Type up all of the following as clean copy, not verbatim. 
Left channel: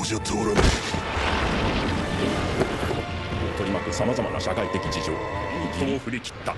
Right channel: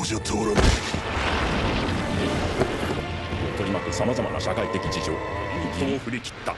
こじゃ通らない。取り巻くさまざまな社会的事情、一刀を振り切った。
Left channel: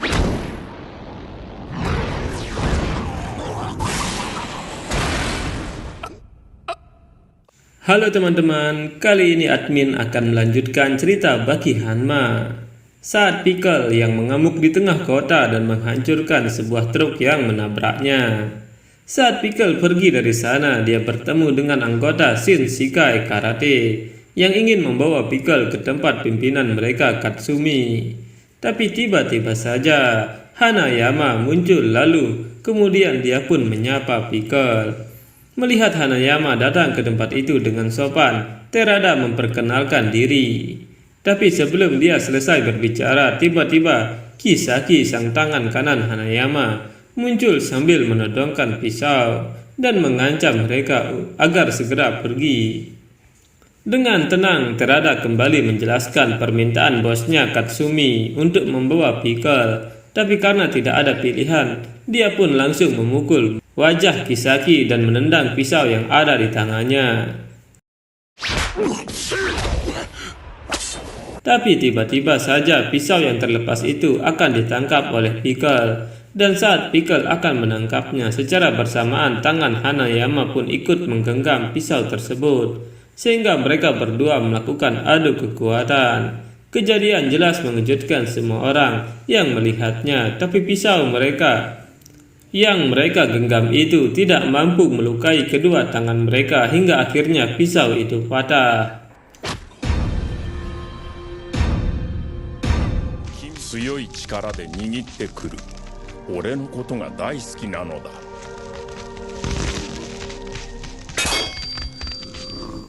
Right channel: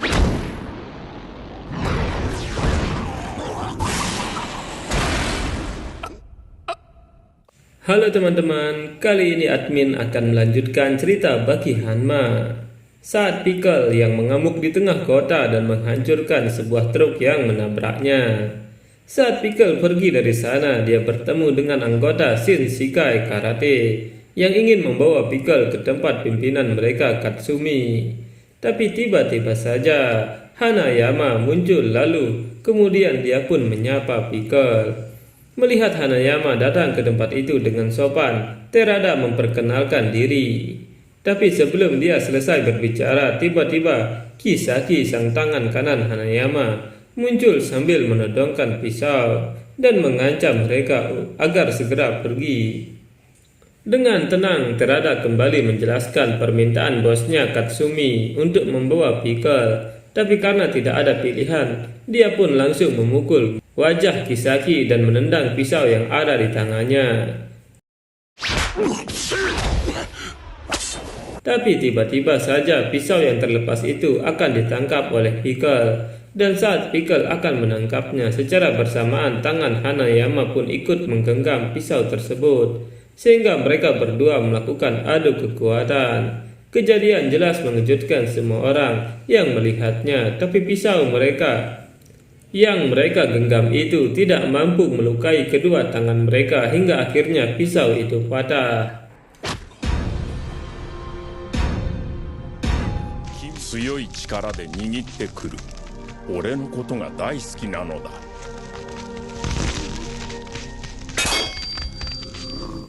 Halo teman-teman, kali ini admin akan melanjutkan cerita bagi Hanma. Saat Pickle yang mengamuk di tengah kota dan menghancurkan sebuah truk yang menabraknya. Saat Pickle pergi dari sana, dia bertemu dengan anggota Shinshikai Karate yang ingin membawa Pickle ke tempat pimpinan mereka, Katsumi. Tapi tiba-tiba saja Hanayama muncul, lalu kemudian dia pun menyapa Pickle. Melihat Hanayama datang ke tempat itu dengan sopan, Terada memperkenalkan diri. Tapi sebelum dia selesai berbicara, tiba-tiba Kisaki, sang tangan kanan Hanayama, muncul sambil menodongkan pisau dan mengancam mereka agar segera pergi. Dengan tenang, Terada kembali menjelaskan permintaan bosnya Katsumi untuk membawa Pickle. Tapi karena tidak ada pilihan, dia pun langsung memukul wajah Kisaki dan menendang pisau yang ada di tangannya. Tapi tiba-tiba saja pisau yang terlepas itu akan ditangkap oleh Pickle. Dan saat Pickle akan menangkapnya, secara bersamaan tangan Hanayama pun ikut menggenggam pisau tersebut, sehingga mereka berdua melakukan adu kekuatan. Kejadian jelas mengejutkan semua orang yang melihatnya, tapi pisau yang mereka genggam itu tidak mampu melukai kedua tangan mereka hingga akhirnya pisau itu patah. 強い力で握ってくる。俺のことが大好きなのだ。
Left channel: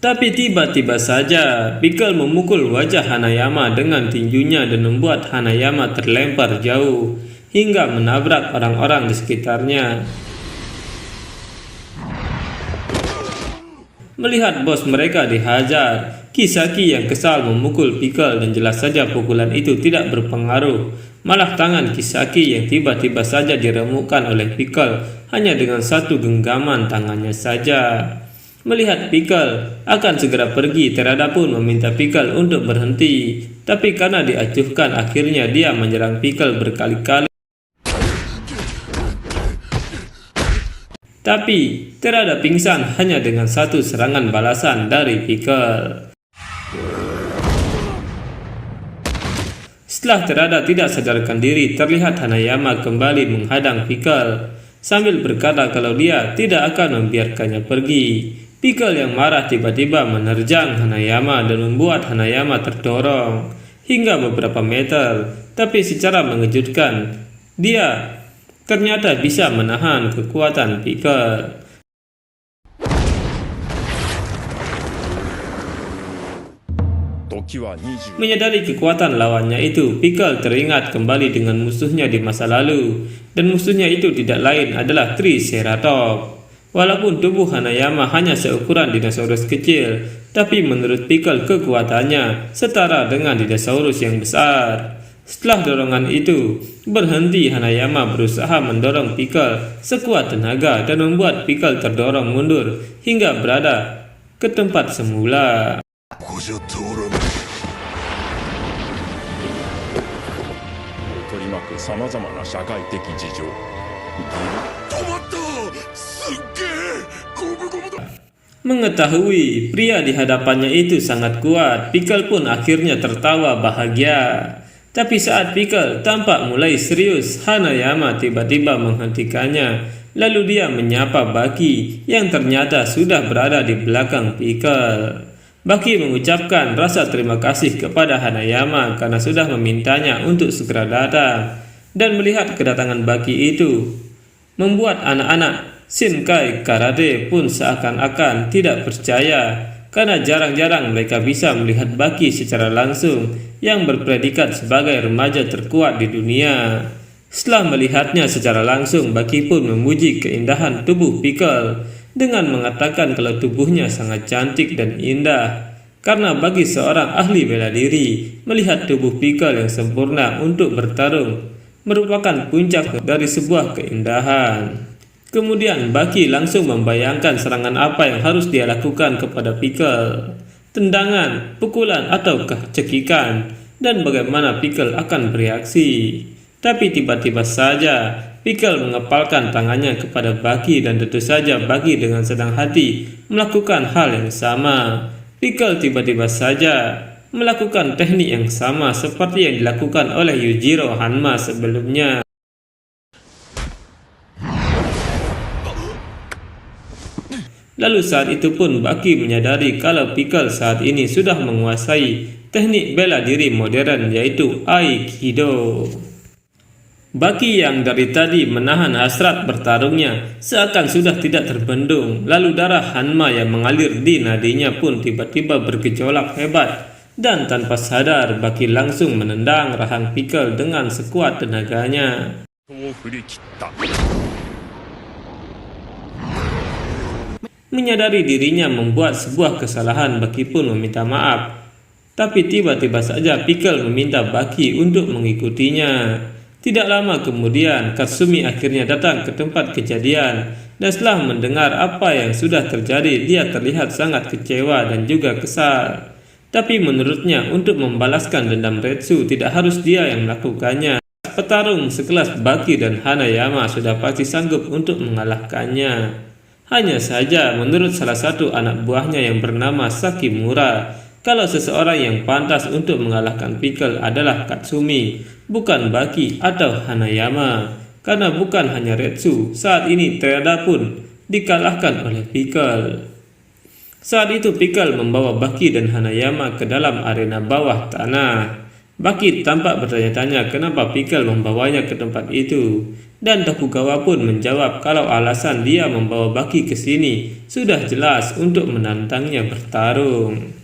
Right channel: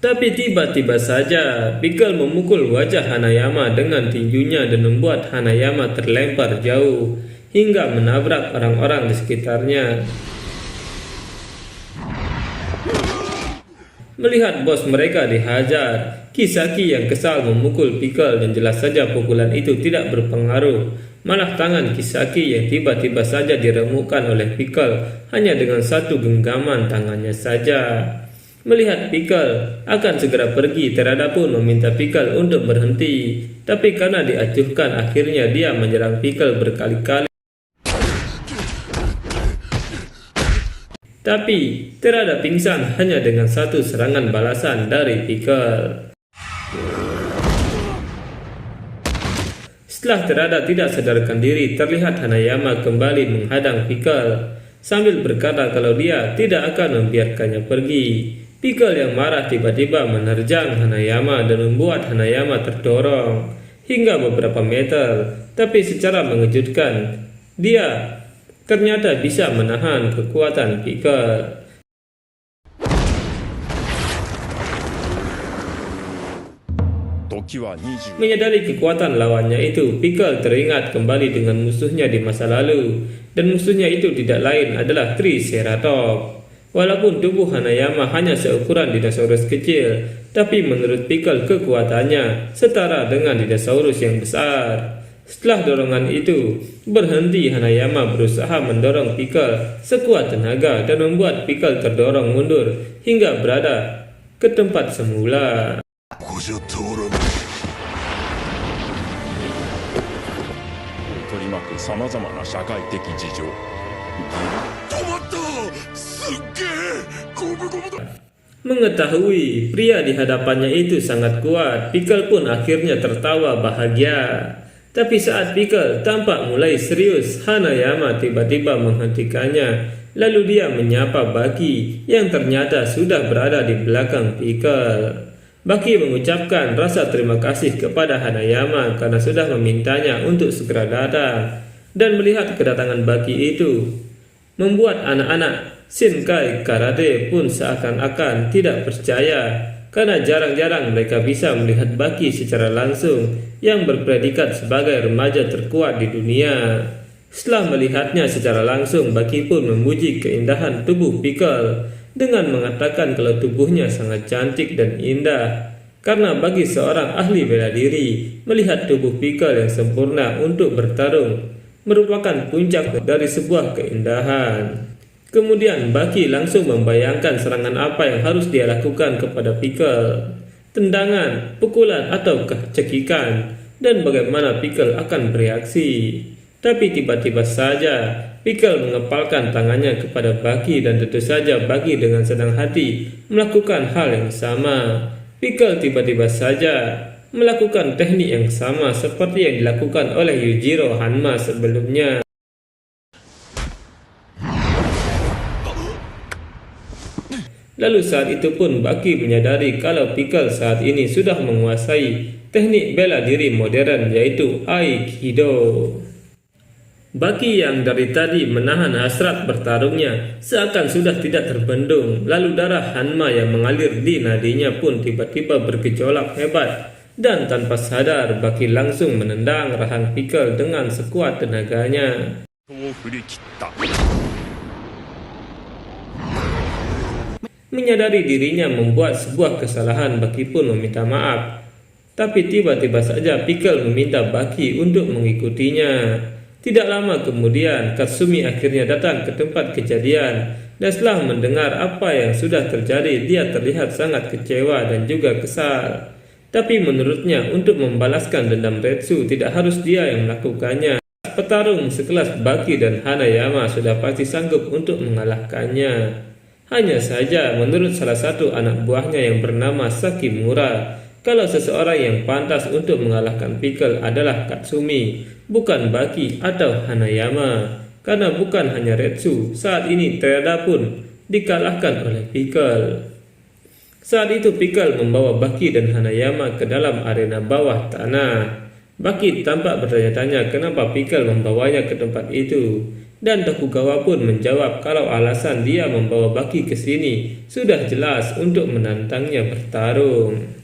Tapi tiba-tiba saja Pickle memukul wajah Hanayama dengan tinjunya dan membuat Hanayama terlempar jauh hingga menabrak orang-orang di sekitarnya. Melihat bos mereka dihajar, Kisaki yang kesal memukul Pickle dan jelas saja pukulan itu tidak berpengaruh. Malah tangan Kisaki yang tiba-tiba saja diremukkan oleh Pickle hanya dengan satu genggaman tangannya saja. Melihat Pickle akan segera pergi, Terada pun meminta Pickle untuk berhenti. Tapi karena diacuhkan, akhirnya dia menyerang Pickle berkali-kali. Tapi Terada pingsan hanya dengan satu serangan balasan dari Pickle. Setelah Terada tidak sadarkan diri, terlihat Hanayama kembali menghadang Pickle sambil berkata kalau dia tidak akan membiarkannya pergi. Pickle yang marah tiba-tiba menerjang Hanayama dan membuat Hanayama terdorong hingga beberapa meter. Tapi secara mengejutkan, dia ternyata bisa menahan kekuatan Pickle. Menyadari kekuatan lawannya itu, Pickle teringat kembali dengan musuhnya di masa lalu, dan musuhnya itu tidak lain adalah Triceratops. Walaupun tubuh Hanayama hanya seukuran dinosaurus kecil, tapi menurut Pickle kekuatannya setara dengan dinosaurus yang besar. Setelah dorongan itu berhenti, Hanayama berusaha mendorong Pickle sekuat tenaga dan membuat Pickle terdorong mundur hingga berada ke tempat semula. ここじゃ通らない。取り巻くさまざまな社会的事情。止まった。すっげえ。ゴムゴムだ。 Mengetahui pria di hadapannya itu sangat kuat, Pickle pun akhirnya tertawa bahagia. Tapi saat Pickle tampak mulai serius, Hanayama tiba-tiba menghentikannya. Lalu dia menyapa Baki yang ternyata sudah berada di belakang Pickle. Baki mengucapkan rasa terima kasih kepada Hanayama karena sudah memintanya untuk segera datang. Dan melihat kedatangan Baki itu membuat anak-anak Shinshikai Karate pun seakan-akan tidak percaya, karena jarang-jarang mereka bisa melihat Baki secara langsung yang berpredikat sebagai remaja terkuat di dunia. Setelah melihatnya secara langsung, Baki pun memuji keindahan tubuh Pickle dengan mengatakan kalau tubuhnya sangat cantik dan indah. Karena bagi seorang ahli bela diri, melihat tubuh Pickle yang sempurna untuk bertarung merupakan puncak dari sebuah keindahan. Kemudian Baki langsung membayangkan serangan apa yang harus dia lakukan kepada Pickle. tendangan, pukulan, ataukah cekikan, dan bagaimana Pickle akan bereaksi. Tapi tiba-tiba saja Pickle mengepalkan tangannya kepada Bucky dan tentu saja Bucky dengan senang hati melakukan hal yang sama. Pickle tiba-tiba saja melakukan teknik yang sama seperti yang dilakukan oleh Yujiro Hanma sebelumnya. Lalu saat itu pun Bucky menyadari kalau Pickle saat ini sudah menguasai teknik bela diri modern yaitu Aikido. Bucky yang dari tadi menahan hasrat bertarungnya seakan sudah tidak terbendung. Lalu darah Hanma yang mengalir di nadinya pun tiba-tiba bergejolak hebat. Dan tanpa sadar Bucky langsung menendang rahang Pickle dengan sekuat tenaganya. Menyadari dirinya membuat sebuah kesalahan, Bucky pun meminta maaf. Tapi tiba-tiba saja Pickle meminta Bucky untuk mengikutinya. Tidak lama kemudian Katsumi akhirnya datang ke tempat kejadian. Dan setelah mendengar apa yang sudah terjadi, dia terlihat sangat kecewa dan juga kesal. Tapi menurutnya untuk membalaskan dendam Retsu tidak harus dia yang melakukannya. Petarung sekelas Bucky dan Hanayama sudah pasti sanggup untuk mengalahkannya. Hanya saja menurut salah satu anak buahnya yang bernama Sakimura, kalau seseorang yang pantas untuk mengalahkan Pickle adalah Katsumi, bukan Bucky atau Hanayama. Karena bukan hanya Retsu, saat ini Terada pun dikalahkan oleh Pickle. Saat itu Pickle membawa Bucky dan Hanayama ke dalam arena bawah tanah. Bucky tampak bertanya-tanya kenapa Pickle membawanya ke tempat itu. Dan Tokugawa pun menjawab kalau alasan dia membawa Bucky ke sini sudah jelas untuk menantangnya bertarung.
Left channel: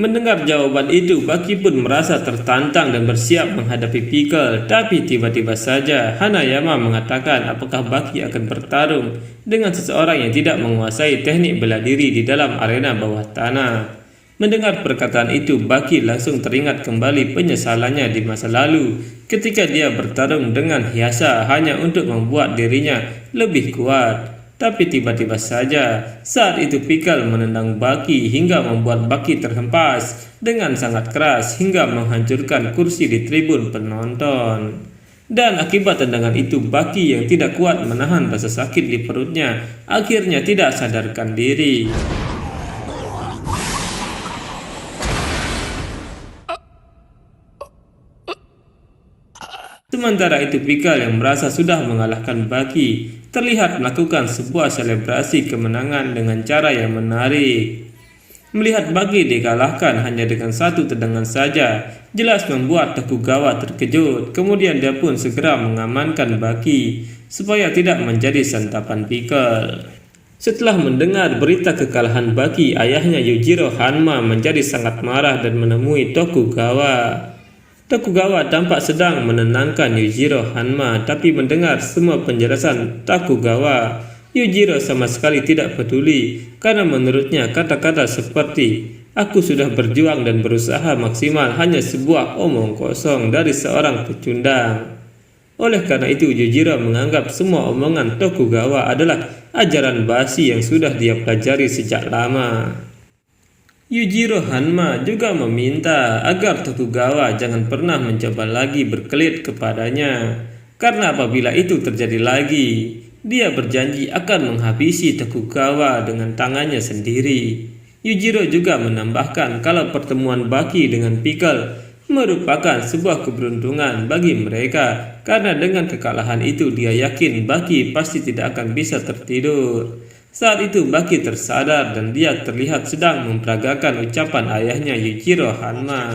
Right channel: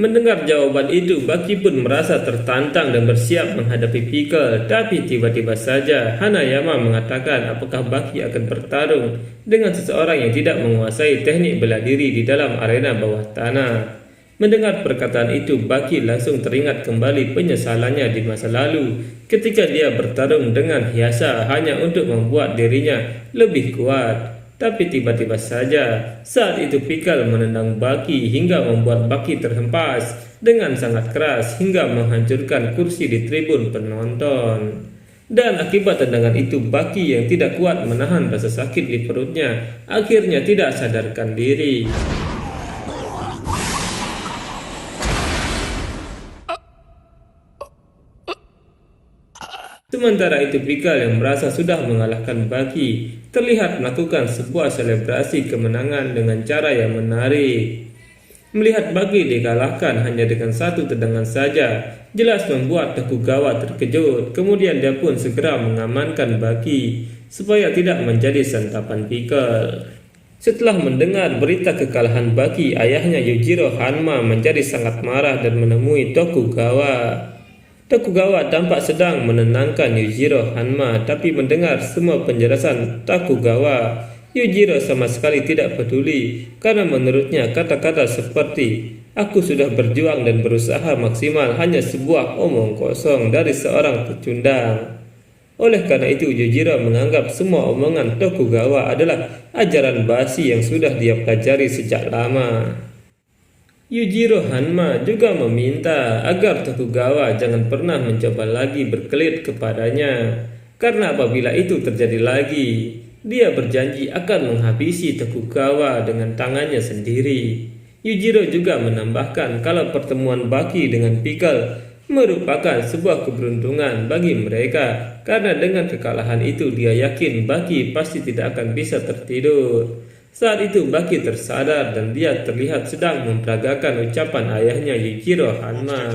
Mendengar jawaban itu, Bucky pun merasa tertantang dan bersiap menghadapi Pickle. Tapi tiba-tiba saja Hanayama mengatakan apakah Bucky akan bertarung dengan seseorang yang tidak menguasai teknik bela diri di dalam arena bawah tanah. Mendengar perkataan itu, Bucky langsung teringat kembali penyesalannya di masa lalu ketika dia bertarung dengan Hyasa hanya untuk membuat dirinya lebih kuat. Tapi tiba-tiba saja saat itu Pickle menendang Bucky hingga membuat Bucky terhempas dengan sangat keras hingga menghancurkan kursi di tribun penonton. Dan akibat tendangan itu, Bucky yang tidak kuat menahan rasa sakit di perutnya akhirnya tidak sadarkan diri. Sementara itu Pickle yang merasa sudah mengalahkan Bucky terlihat melakukan sebuah selebrasi kemenangan dengan cara yang menarik. Melihat Bucky dikalahkan hanya dengan satu tendangan saja jelas membuat Tokugawa terkejut. Kemudian dia pun segera mengamankan Bucky supaya tidak menjadi santapan Pickle. Setelah mendengar berita kekalahan Bucky, ayahnya Yujiro Hanma menjadi sangat marah dan menemui Tokugawa. Tokugawa tampak sedang menenangkan Yujiro Hanma, tapi mendengar semua penjelasan Tokugawa, Yujiro sama sekali tidak peduli karena menurutnya kata-kata seperti "aku sudah berjuang dan berusaha maksimal" hanya sebuah omong kosong dari seorang pecundang. Oleh karena itu Yujiro menganggap semua omongan Tokugawa adalah ajaran basi yang sudah dia pelajari sejak lama. Yujiro Hanma juga meminta agar Tokugawa jangan pernah mencoba lagi berkelit kepadanya, karena apabila itu terjadi lagi, dia berjanji akan menghabisi Tokugawa dengan tangannya sendiri. Yujiro juga menambahkan kalau pertemuan Bucky dengan Pickle merupakan sebuah keberuntungan bagi mereka, karena dengan kekalahan itu dia yakin Bucky pasti tidak akan bisa tertidur. Saat itu Bucky tersadar dan dia terlihat sedang memperagakan ucapan ayahnya Yujiro Hanma.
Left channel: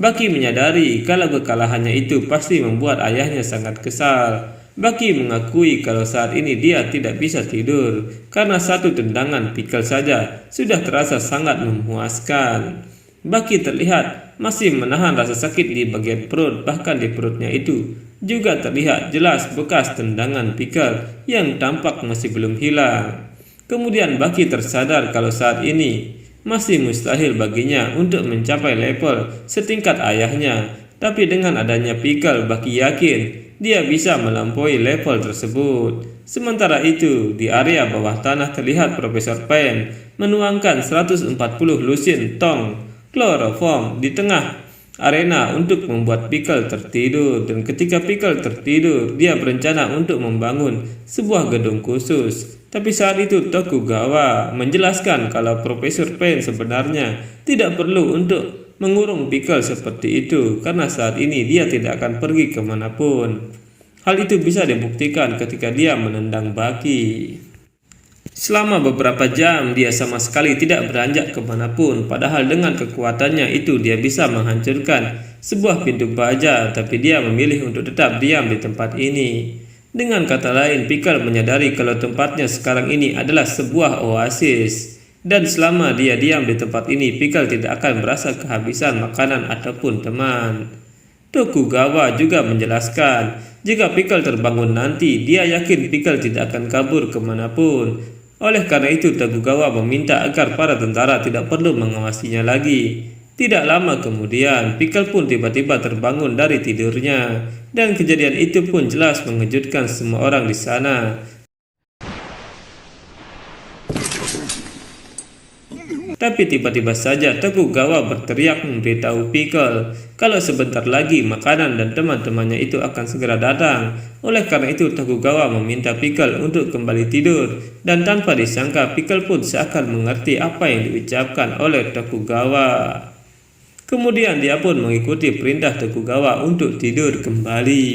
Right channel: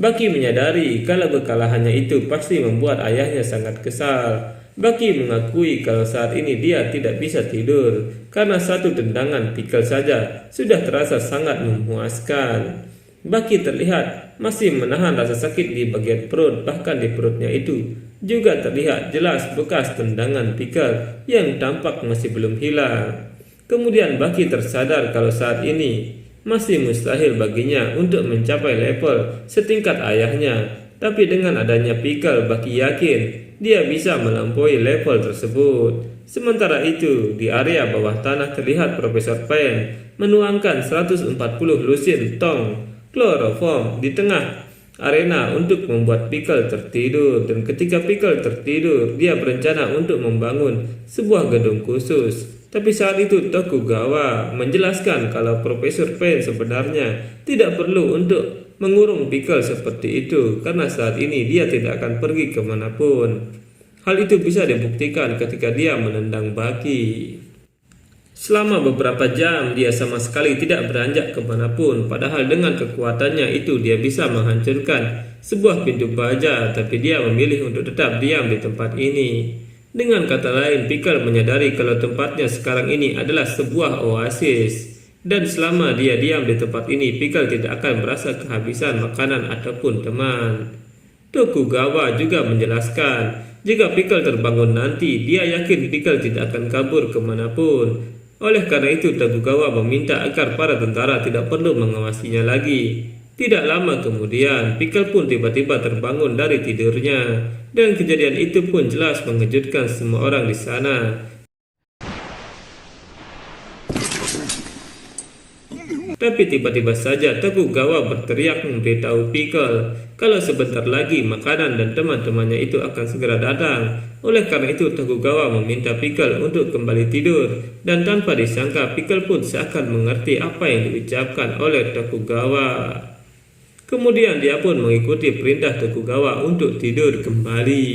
Bucky menyadari kalau kekalahannya itu pasti membuat ayahnya sangat kesal. Bucky mengakui kalau saat ini dia tidak bisa tidur karena satu tendangan Pickle saja sudah terasa sangat memuaskan. Bucky terlihat masih menahan rasa sakit di bagian perut, bahkan di perutnya itu juga terlihat jelas bekas tendangan Pickle yang tampak masih belum hilang. Kemudian Bucky tersadar kalau saat ini masih mustahil baginya untuk mencapai level setingkat ayahnya. Tapi dengan adanya Pickle, Bucky yakin dia bisa melampaui level tersebut. Sementara itu, di area bawah tanah terlihat Profesor Pen menuangkan 140 lusin tong kloroform di tengah arena untuk membuat Pickle tertidur. Dan ketika Pickle tertidur, dia berencana untuk membangun sebuah gedung khusus. Tapi saat itu Tokugawa menjelaskan kalau Profesor Pen sebenarnya tidak perlu untuk mengurung Pickle seperti itu, karena saat ini dia tidak akan pergi kemanapun. Hal itu bisa dibuktikan ketika dia menendang Baki. Selama beberapa jam dia sama sekali tidak beranjak kemanapun, padahal dengan kekuatannya itu dia bisa menghancurkan sebuah pintu baja, tapi dia memilih untuk tetap diam di tempat ini. Dengan kata lain, Pickle menyadari kalau tempatnya sekarang ini adalah sebuah oasis, dan selama dia diam di tempat ini, Pickle tidak akan merasa kehabisan makanan ataupun teman. Tokugawa juga menjelaskan, jika Pickle terbangun nanti, dia yakin Pickle tidak akan kabur kemanapun. Oleh karena itu, Tokugawa meminta agar para tentara tidak perlu mengawasinya lagi. Tidak lama kemudian, Pickle pun tiba-tiba terbangun dari tidurnya, dan kejadian itu pun jelas mengejutkan semua orang di sana. Tapi tiba-tiba saja Tokugawa berteriak memberitahu Pickle kalau sebentar lagi makanan dan teman-temannya itu akan segera datang. Oleh karena itu Tokugawa meminta Pickle untuk kembali tidur, dan tanpa disangka Pickle pun seakan mengerti apa yang diucapkan oleh Tokugawa. Kemudian dia pun mengikuti perintah Tokugawa untuk tidur kembali.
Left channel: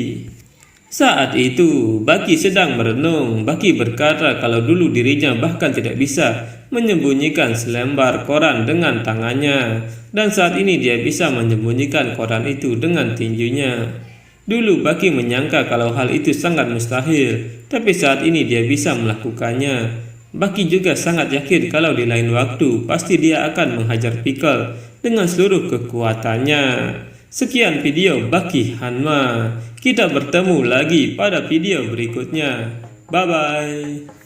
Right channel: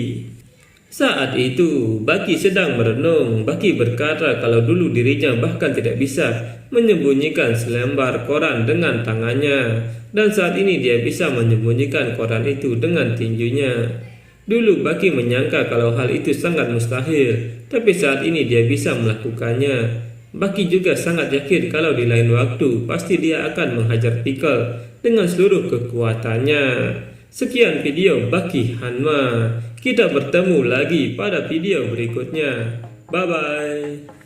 Saat itu Baki sedang merenung. Baki berkata kalau dulu dirinya bahkan tidak bisa menyembunyikan selembar koran dengan tangannya, dan saat ini dia bisa menyembunyikan koran itu dengan tinjunya. Dulu Baki menyangka kalau hal itu sangat mustahil, tapi saat ini dia bisa melakukannya. Baki juga sangat yakin kalau di lain waktu pasti dia akan menghajar Pickle dengan seluruh kekuatannya. Sekian video Baki Hanma. Kita bertemu lagi pada video berikutnya. Bye bye.